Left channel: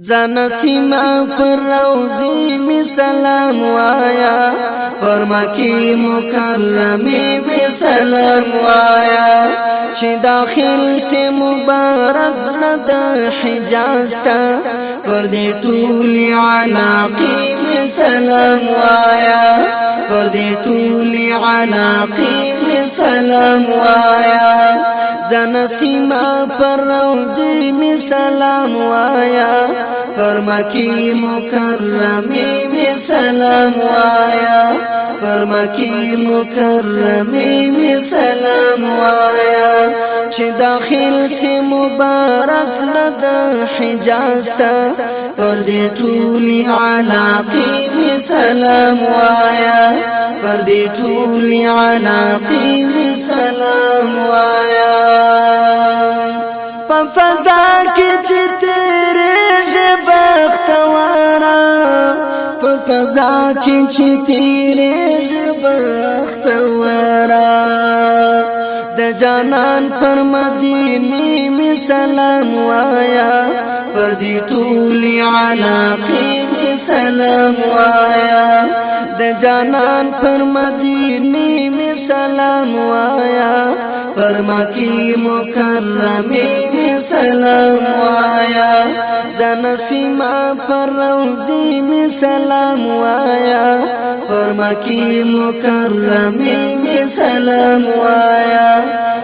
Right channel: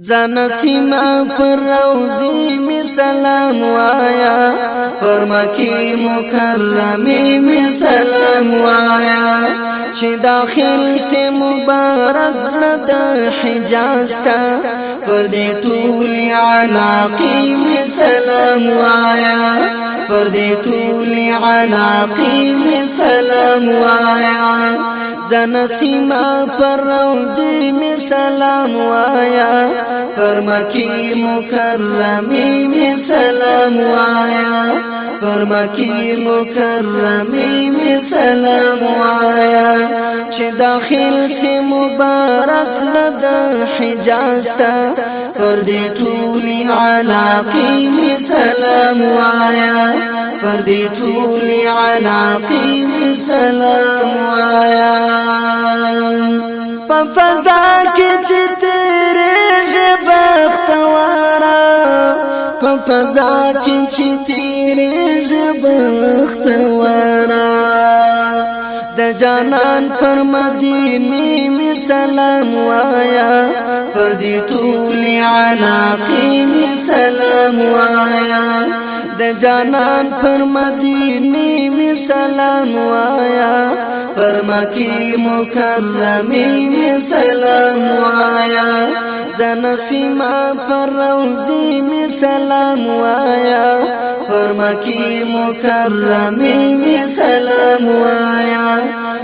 زانا سیما پر روزی می سلام وایا پر مکی مکرمی می سلام وایا چی داخل سے مبارک زرد حجاز تا پر دی طولی علاقی می سلام وایا پر دی طولی علاقی می سلام وایا زانا سیما پر روزی می سلام وایا پر مکی مکرمی می سلام وایا پر مکی مکرمی می سلام وایا چی داخل سے مبارک زرد حجاز تا پر دی طولی علاقی می سلام وایا پر دی طولی علاقی می سلام وایا پا فضا کی چی تیرے بختوارا پا فضا کی چی تیرے بختوارا د جانان پر مدینی می سلام وایا پر دی طولی علاقی می سلام وایا د جانان پر مدینی می سلام وایا پر مکی مکرمی می سلام وایا زانا سیما پر روزی می سلام وایا پر مکی مکرمی می سلام وایا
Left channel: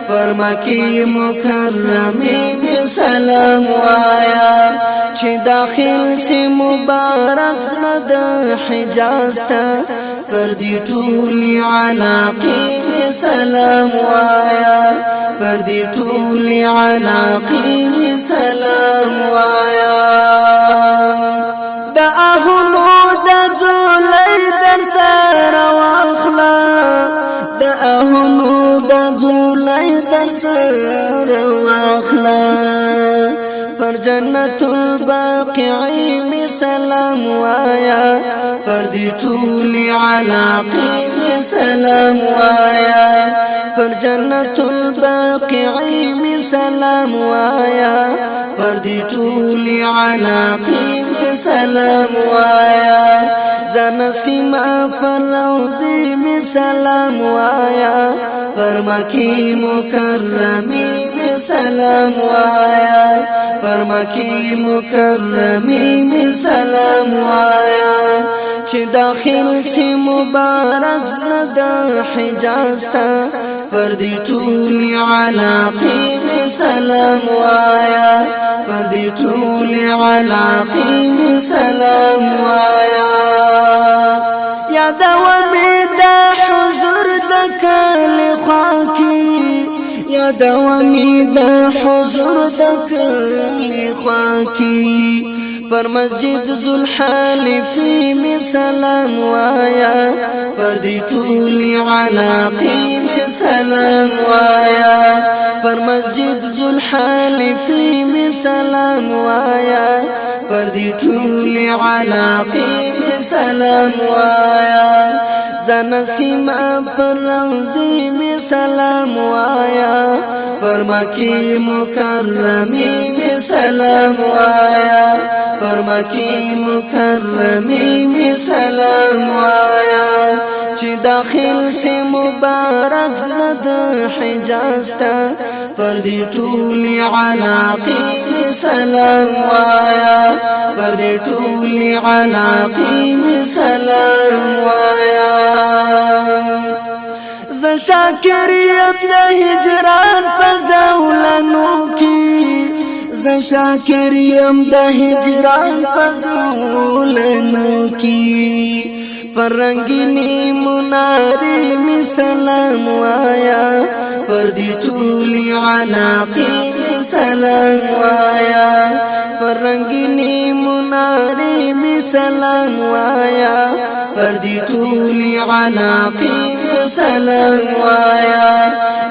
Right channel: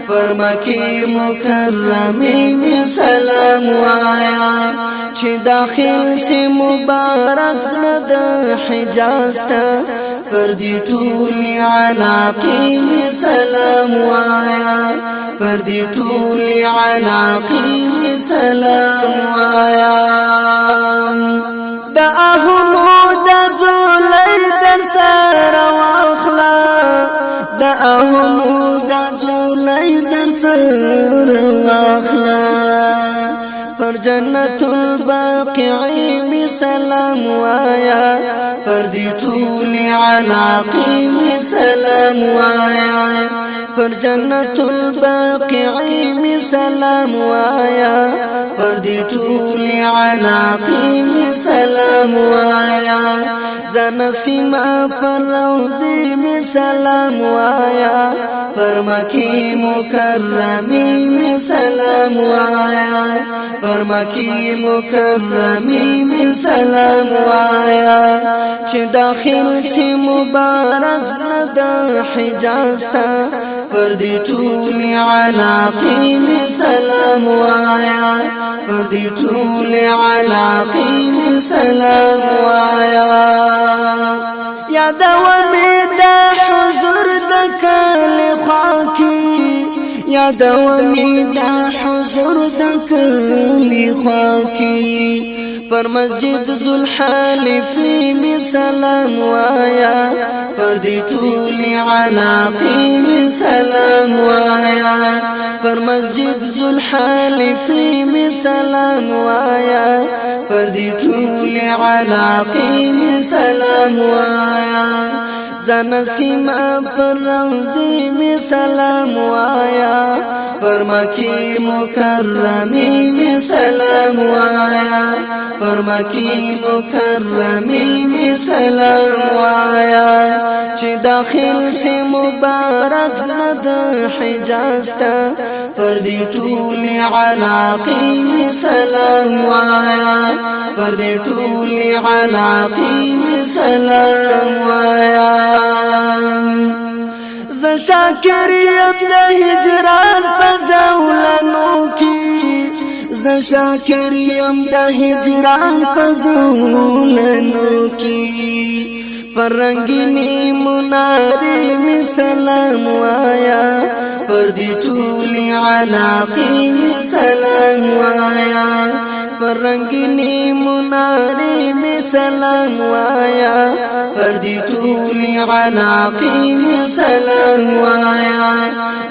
پر مکی مکرمی می سلام وایا چی داخل سے مبارک زرد حجاز تا پر دی طولی علاقی می سلام وایا پر دی طولی علاقی می سلام وایا دا اهلو دا زولی در سر واخلا دا اهلو دا زولی در سر واخلا پر جنت الباقعی می سلام وایا پر دی طولی علاقی می سلام وایا پر جنت الباقعی می سلام وایا پر دی طولی علاقی می سلام وایا زانا سیما پر روزی می سلام وایا پر مکی مکرمی می سلام وایا پر مکی مکرمی می سلام وایا چی داخل سی مبارک زرد حجاز تا پر دی طولی علاقی می سلام وایا پر دی طولی علاقی می سلام وایا یاد ومی دا حضور دا کل خاکی یاد ومی دا حضور دا کل خاکی پر مسجد ذوالحالفی می سلام وایا پر دی طولی علاقی می سلام وایا پر مسجد ذوالحالفی می سلام وایا پر دی طولی علاقی می سلام وایا زانا سیما پر روزی می سلام وایا پر مکی مکرمی می سلام وایا پر مکی مکرمی می سلام وایا چی داخل سے مبارک زرد حجاز تا پر دی طولی علاقی می سلام وایا پر دی طولی علاقی می سلام وایا ز شاکر یم د هجران پزولنو کی ز شاکر یم د هجران پزولنو کی پر رنگینی مناری می سلام وایا پر دی طولی علاقی می سلام وایا پر رنگینی مناری می سلام وایا پر دی طولی علاقی می سلام وایا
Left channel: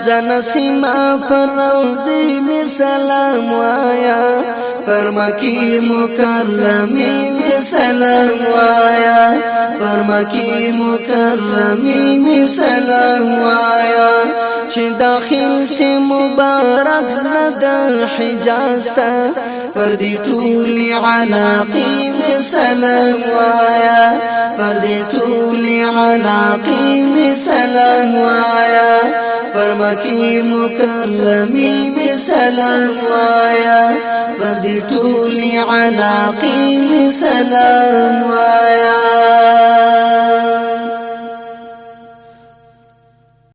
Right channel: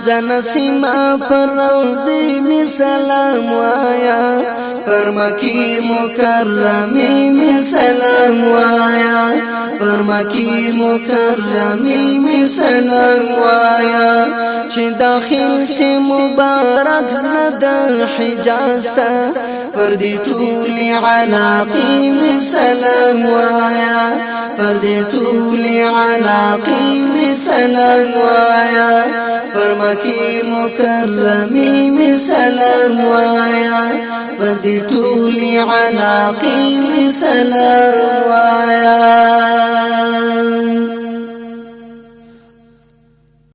زانا سیما پر روزی می سلام وایا پر مکی مکرمی می سلام وایا پر مکی مکرمی می سلام وایا چی داخل سے مبارک زرد حجاز تا پر دې ټولې علاقې مې سلام وایا پر دې ټولې علاقې مې سلام وایا پر مکې مکرمې مې سلام وایا پر دې ټولې علاقې مې سلام وایا